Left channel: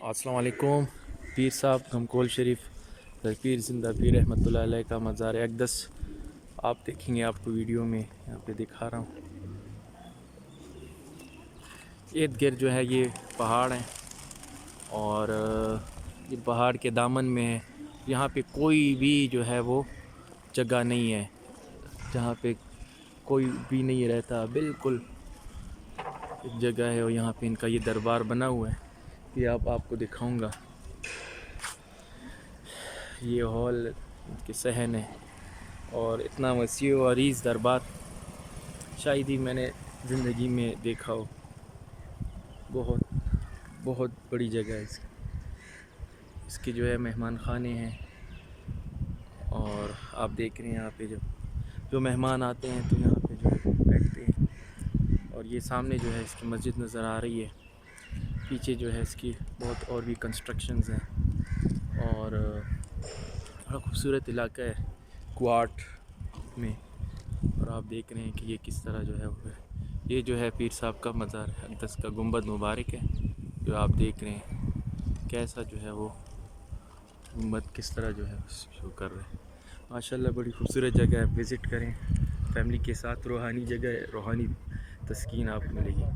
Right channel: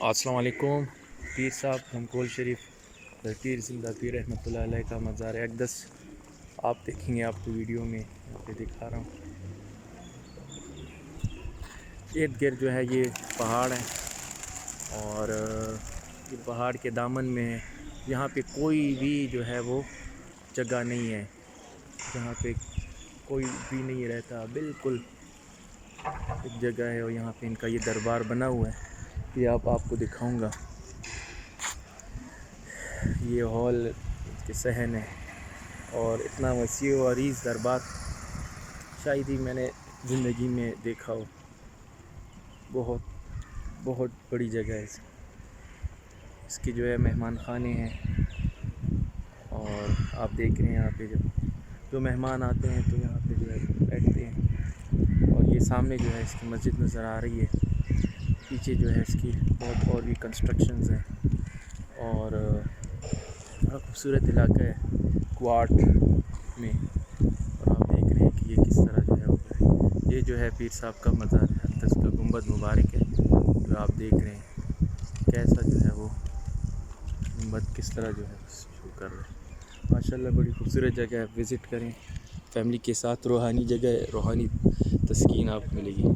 السلام علیکم۔ پیر صاحب گھمکول شریف پیر زندہ پیر رحمۃ اللہ علیہ کا مزار اقدس آپ دیکھیں گے، آپ کو ویڈیو میں یہاں پہ دکھا رہا ہوں۔ ارد گرد جو ہے یہ پہاڑ ہیں اور یہ پہاڑ کے دامن میں ہے۔ یہاں پہ کوئی بھی جو ہے وہ جگہ نہیں ہے جہاں پہ کوئی بھی نہیں رہتا، بالکل ایک جگہ ہے اور یہاں پہ ان کا یہ دربار بنا ہوا ہے۔ یہ آپ کو دکھاؤں گا، یہ ہال کے صحن ہے اور اتنا وسیع و عریض دربار شاید ہی میں نے زندگی میں دیکھا ہو۔ بہت بہت بڑی جگہ ہے اس کی جو ہے مہمان خانے ہیں، اور آپ دیکھ رہے ہیں یہاں پہ جو مہمان آتے ہیں تو یہاں پہ جو ہے بیٹھتے ہیں۔ اور یہ سامنے جو ہے اس کی مسجد نظر آ رہی ہے، پیچھے جو ہے اس کی بہت اور بھی کنسٹرکشنز ہیں، اور بڑا خوبصورت علاقہ ہے کوارٹ میں۔ اور آپ دیکھ رہے ہیں کہ یہ کس طرح جو ہے وہ ہے، یہ جو ہے پیر صاحب کا مزار اقدس کا گنبد مبارک ہے جو آپ دیکھ رہے ہیں، کیسا جو ہے وہ گنبد کس طرح جو ہے شو کر رہے ہیں۔ ماشاءاللہ بڑی خوبصورت جگہ ہے، وزٹ کریں فیملی کے ساتھ، روحانی جگہ ہے، روحانی تسکین آپ کو ملے گی۔